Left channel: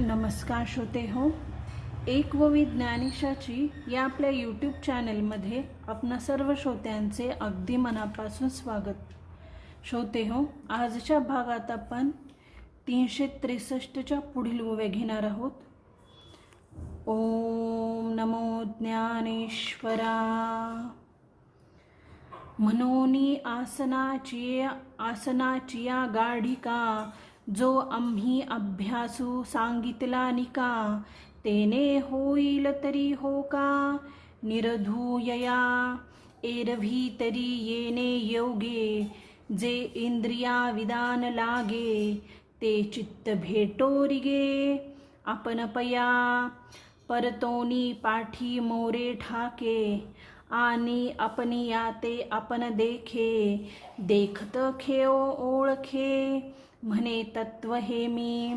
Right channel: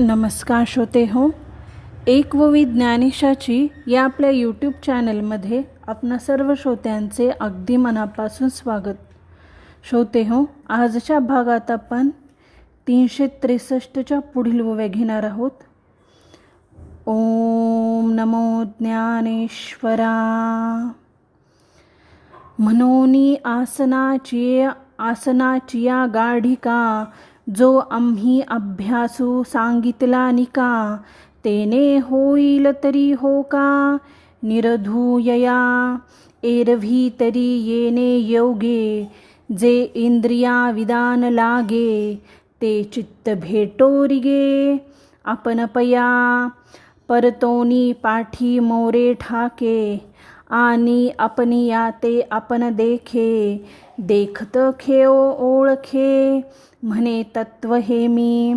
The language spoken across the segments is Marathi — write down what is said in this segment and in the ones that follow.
नमस्कार श्रोते हो, एक व ज्ञानेशाची या आपल्या यूट्यूब चॅनलमध्ये आपणा सर्व श्रोत्यांचे अगदी मनापासून स्वागत. श्रोते हो, आजच्या भागात आपण 363च्या पुढील ओव्या घेणार आहोत. ओम नमो ज्ञानेश्वरा. म्हणोनी आसनाचिया गाढिका, जो आम्ही अभ्यासू सांगितला निका, तेने होईल तरी हो का निरधूयया, एरवी तरी येणे योगे, जे इंद्रिया विधान लागे, ते चित्त भेटोरिगे. आपण पया परतोनी पाठी मोरे ठाके, आणि आपनिया ते आपण देखे, देखत खेओ ओळखे, म्हणे तत्व हे मी.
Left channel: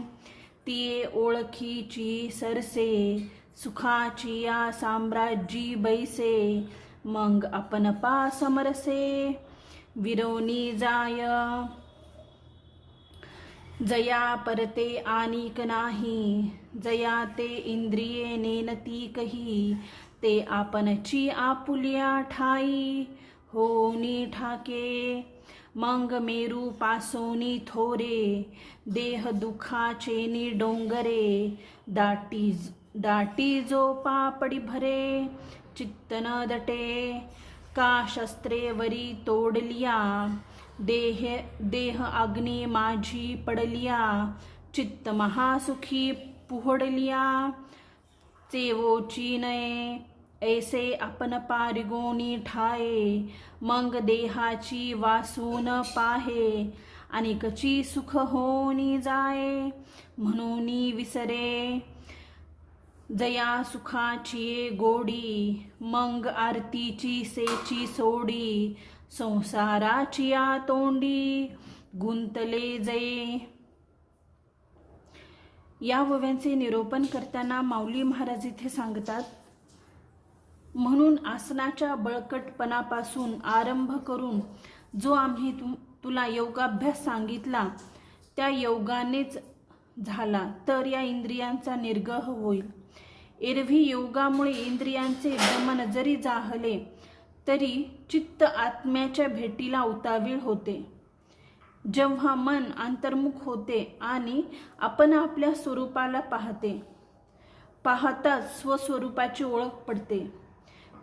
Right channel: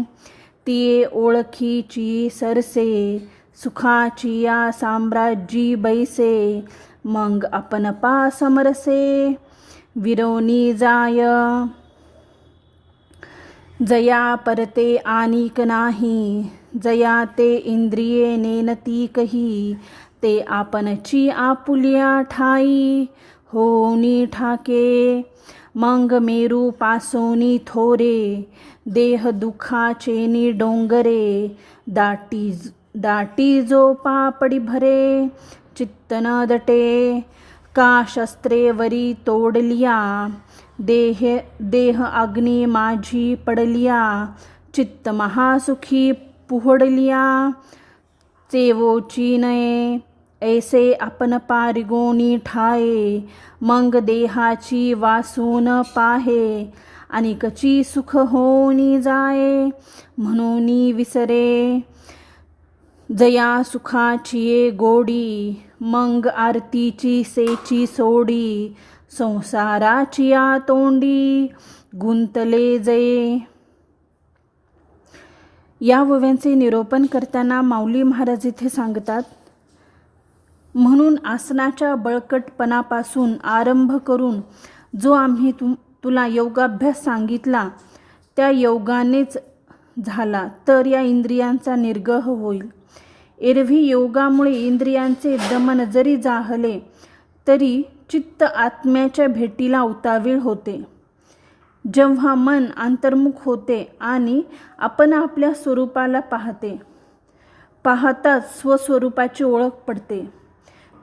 तिये ओळखीची सरसे, सुखाची या साम्राज्यी बैसे, मग आपण पा समरसे. विरोनी जाय जया परते आनिक नाही, जया ते इंद्रिये नेनती कही, ते आपणची आपुल्या ठाई होनी ठाके. मग मेरू पासोनी थोरे, देह दुखाचेनी डोंगरे, दाटी जो पापडी भरे, चित्त न दटे. का शस्त्रे वरी तोडलिया, देह अग्नी माझी पडलिया, चित्त महासुखी पुहडलिया, चेवोची नये, ऐसे आपण पारिगोनी ठाये. मग देहाची वासून पाहे, अनिकची सुख होनी जाये, म्हणून विसरे. जया सुखाची गोडी, मग आरतीची सेची सोडी, संसाराची या तोंडी गुंतले जये. या ओव्यांचे निरूपण करताना माऊली महाराज इथे सांगतात, म्हणून आसनाच्या बळकटपणापासून आरंभ करून जो आम्ही तुला योगाभ्यास सांगितला, त्या योगानेच झाला तर या इंद्रियांचा निर्गह होईल. एरवी योगामुळे इंद्रियांचे दमन जरी जाहले तरी चित्त आत्म्याच्या भेटीला उतावीळ होते. जेव्हा मन अंतर्मुख होते आणि आपण आपल्या स्वरूपाला पाहताच स्वस्वरूपाची ओळख पडते.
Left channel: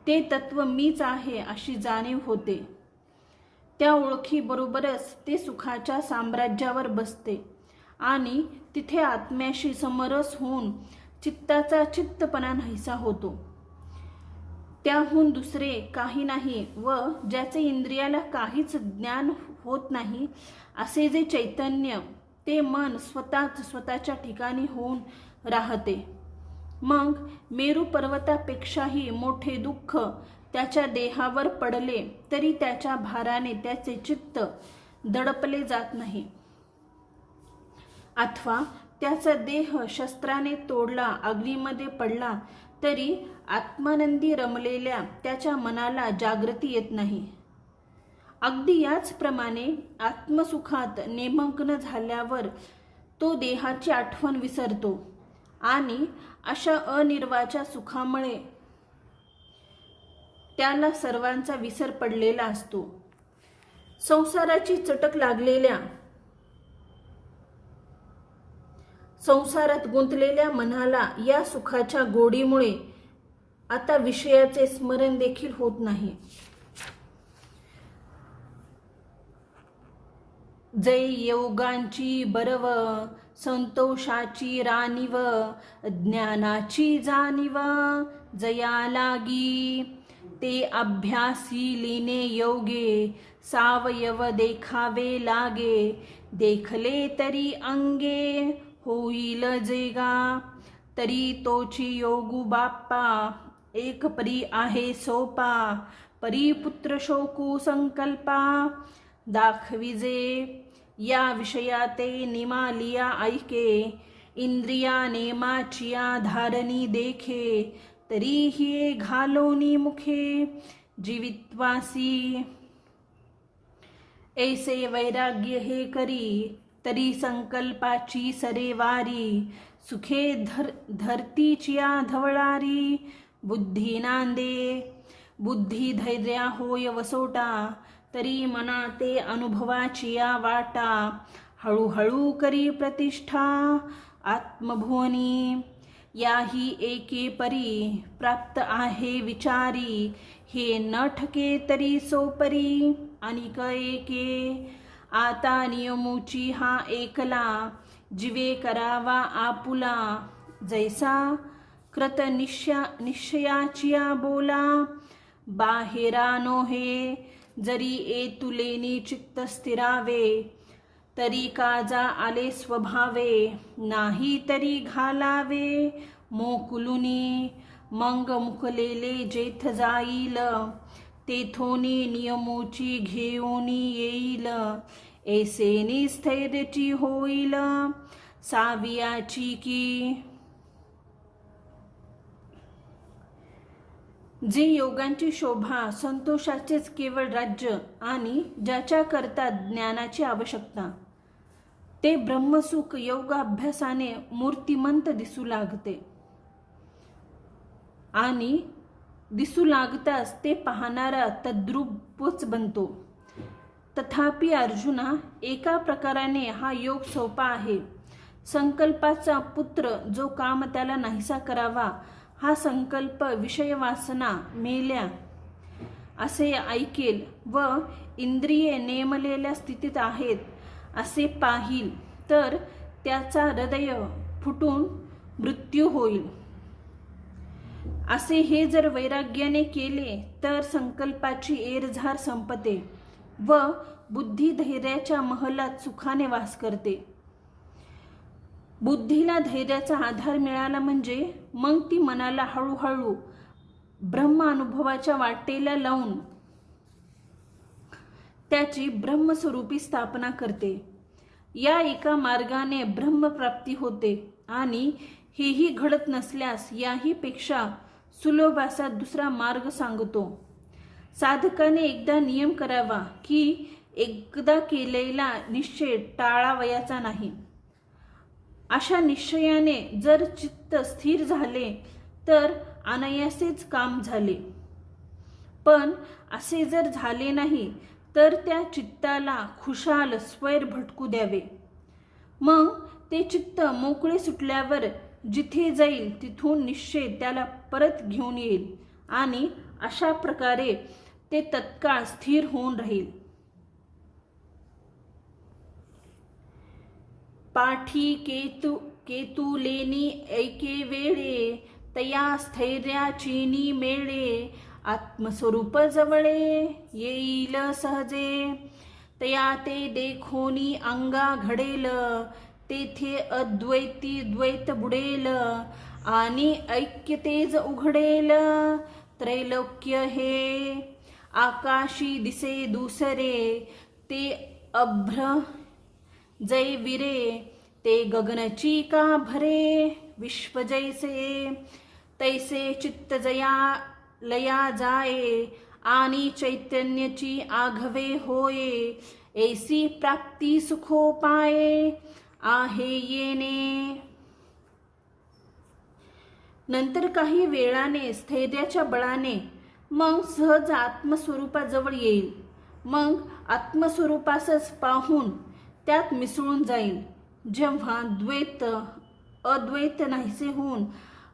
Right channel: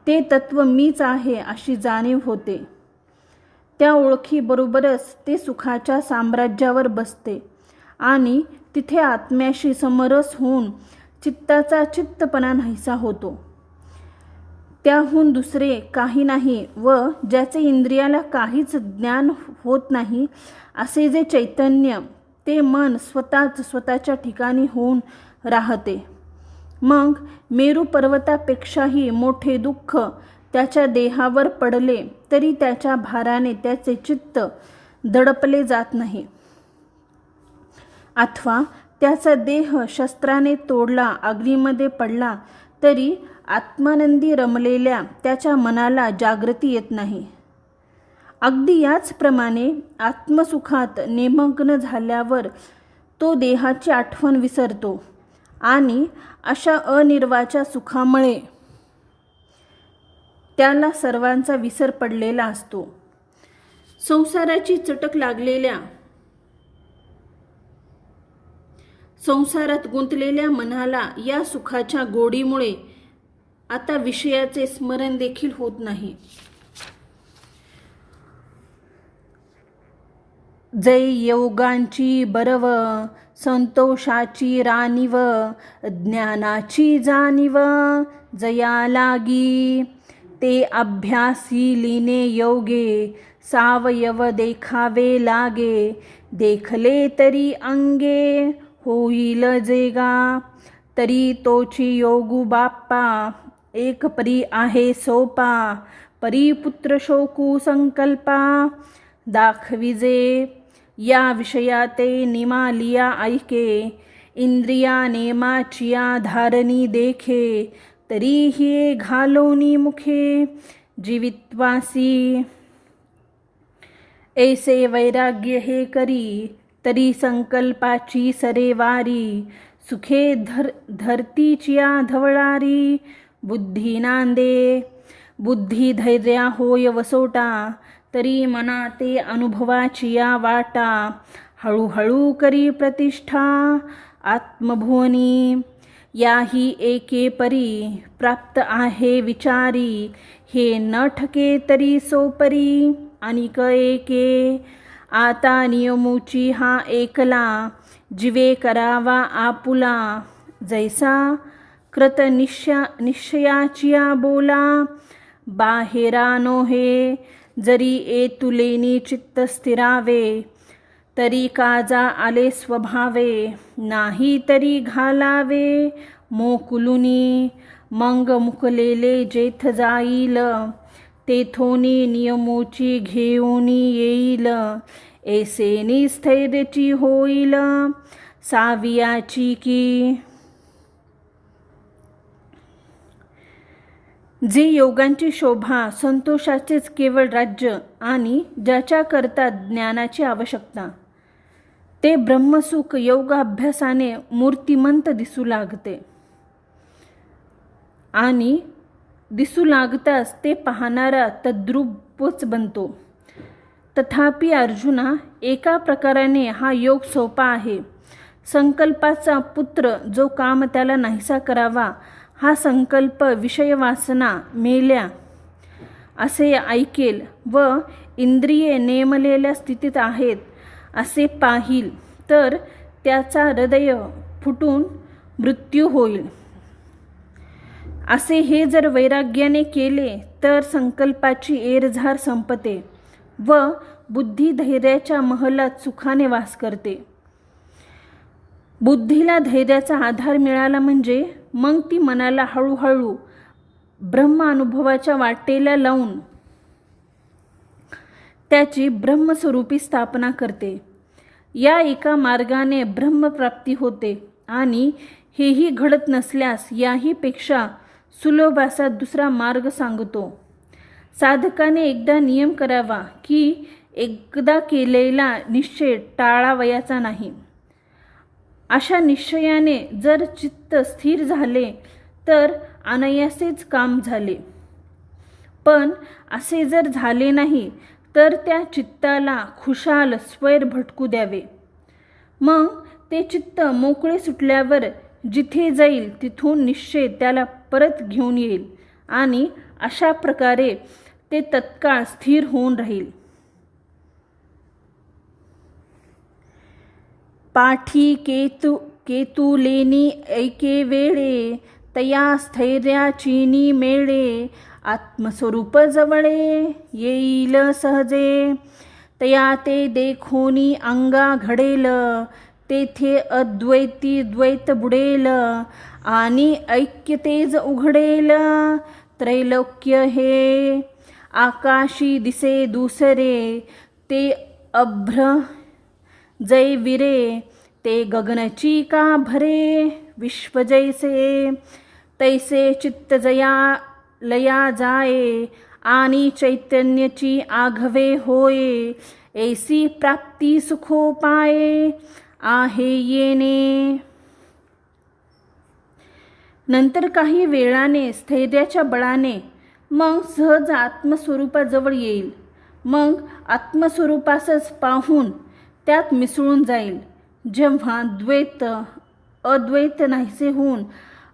ते तत्व मीच आहे अशी जाणीव होते. त्या ओळखीबरोबरच ते सुखाच्या साम्राज्यावर बसते आणि तिथे आत्म्याशी समरस होऊन चित्ताचा चित्तपणा नाहीसा होतो. त्याहून दुसरे काही नाही व ज्याचे इंद्रियाला काहीच ज्ञान होत नाही असे जे चैतन्य, ते मन स्वतःच्या ठिकाणी होऊन राहते. मग मेरू पर्वतापेक्षाही मोठे दुःख त्याच्या देहावर पडले तरी त्याच्या भाराने त्याचे चित्त दडपले जात नाही. अथवा त्याचा देह शस्त्राने तोडला, अग्नीमध्ये पडला तरी आत्मानंदी रमलेल्या त्याच्या मनाला जागृती येत नाही. अगदी याचप्रमाणे आत्मसुखात निमग्न झाल्यावर तो देहाची आठवण विसरतो आणि अशा अनिर्वाच्या सुखामुळे त्याला सर्वांचा विसर पडलेला असतो. संसाराची चटक लागलेल्या, संसारात गुंतलेल्या मनाला या सुखाच्या गोडीमुळे आता विषयाचे स्मरण देखील होत नाही. जै योगांची बरव, संतोषाची राणीव, ज्ञानाची जाणीव जया लागी, ते अभ्यासी लीने योगे, सावयव देखावे लागे, देखले तरी अंगे होईल जेगा. तरी तोची योगू बाप्पा, एक परी आहे सोपा, परी पुत्र शोकू संकल्पा, दाखविजे या विषयाते निमालिया ऐके, इंद्रिया नेमाचिया धारणी देखे, तरी हे घालोनी मुखे जीवित्वासी. ऐसे वैराग्य हे करी, तरी संकल्पाची सरेवारी, सुखे धरतीचिया धवळारी बुद्धी नांदे. बुद्धी धैर्या होय वसोटा तरी मना ते अनुभवाचिया वाटा. हळूहळू करी प्रतिष्ठा आत्मभुवनी. याही एके परी प्राप्त आहे विचारी. हे न ठके तरी सोपरी अनिक एके. आता नियमूची हा एकला जिवे करावा आपुला. जैसा कृत निश्चयाचिया बोला. बाहेरा नोहे जरी एतुलेनी चित्त स्थिरावे. तरी काजा आले स्वभावे नाही तरी घालावे मोकुलुनी. मंग मुकलेले जेथ जाईल तेथोनी नियमोची घेऊनी येईल. ऐसेनी स्थैर्याची होईल सावियाची की. जे योगांची शोभा संतोषाचेच केवळ राज्य आणि ज्याच्याकरता ज्ञानाची आवश्यकता ते ब्रह्मसुख योगाभ्यासाने मूर्तिमंत दिसू लागते आणि दिसू लागताच ते पाहणारा तद्रूपच बनतो. तथापि अर्जुना, एका प्रकाराने हा योग सोपा आहे. संकल्पाचा पुत्र जो काम त्याला नाहीसा करावा हा संकल्प विषयवासना मेल्या असे ऐकेल व इंद्रिये नेमलेल्या स्थितीत आहेत असे पाहिल तर त्याचा हृदय फुटून मृत्यू होईल. असे हे जर वैराग्याने केले तर संकल्पाची एरझार संपते व बुद्धी धैर्याच्या महलात सुखाने वास करते. बुद्धीला धैर्याचा आधार मिळाला म्हणजे मग ती मनाला हळूहळू ब्रह्म अनुभवाच्या वाटेला लावून त्याची ब्रह्मस्वरूपी स्थापना करते. या एका मार्गाने ब्रह्मप्राप्ती होते आणि हेही घडत नसल्यास याही पेक्षा सुलभ असा दुसरा मार्ग सांगतो. साधकाने एकदा नियम करावा की एकदा केलेला निश्चय टाळावयाचा नाही. अशा निश्चयाने जर चित्त स्थिर झाले तर अनायासेच काम झाले. पण असे जर झाले नाही तर त्या चित्ताला खुशाल स्वैर भटकू द्यावे. मग ते चित्त मोकळे सुटल्यावर जिथे जाईल तिथून निश्चय त्याला परत घेऊन येईल आणि अशा प्रकारे ते तत्काळ स्थिर होऊन राहील. पाठी केतुलेनी ऐके वेळे तया स्थैर्याचीनी मेळे. आत्मस्वरूप जवळे येईल सहजे तया ते देखोनी अंगा घडेल. तेथे अद्वैती द्वैत बुडेल आणि ऐक्यतेज उघडेल. त्रैलोक्य हे आकाशी दिसे दुसरे ते अभ्र जय विरे. ते गगनची का भरे विश्व जैसे. तैसे चित्त जया लया जाये आणि चैतन्याची आघवे होये. ऐसी प्राप्ती सुखोपाये आहे येणे. नंतर काही वेळाने स्थैर्याच्या बळाने मग सहज आत्मस्वरूपाजवळ येईल. मग आत्मस्वरूपासच पाहून त्यात मिसळून जाईल. जेव्हा द्वैत अद्वैत नाहीसे होऊन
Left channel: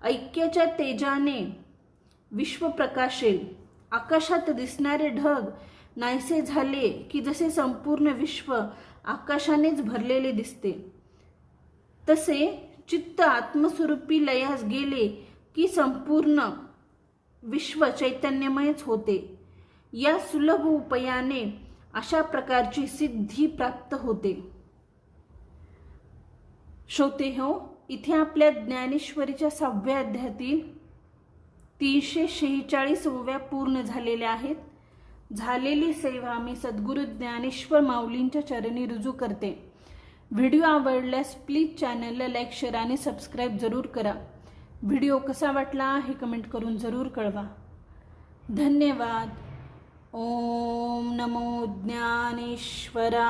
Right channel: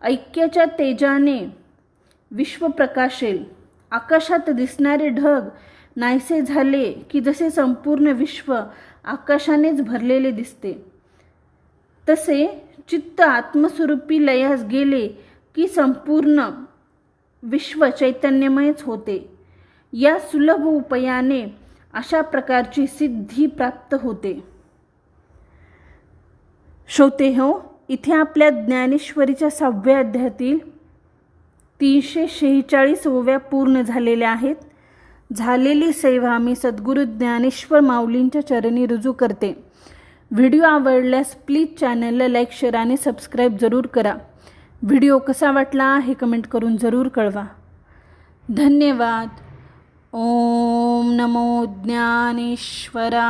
ऐक्याच्या तेजाने विश्व प्रकाशेल. आकाशात दिसणारे ढग नाहीसे झाले की जसे संपूर्ण विश्व आकाशानेच भरलेले दिसते तसे चित्त आत्मस्वरूपी लयास गेले की संपूर्ण विश्व चैतन्यमयच होते. या सुलभ उपायाने अशा प्रकारची सिद्धी प्राप्त होते. श्रोते हो, इथे आपल्या ज्ञानेश्वरीच्या 6व्या अध्यायातील 346 ओव्या पूर्ण झालेल्या आहेत. झालेली सेवा मी सद्गुरू ज्ञानेश्वर माऊलींच्या चरणी रुजू करते. व्हिडिओ आवडल्यास प्लीज चॅनलला लाईक, शेअर आणि सबस्क्राईब जरूर करा. व्हिडिओ कसा वाटला हे कमेंट करून जरूर कळवा. धन्यवाद. ओम नमो ज्ञानेश्वरा.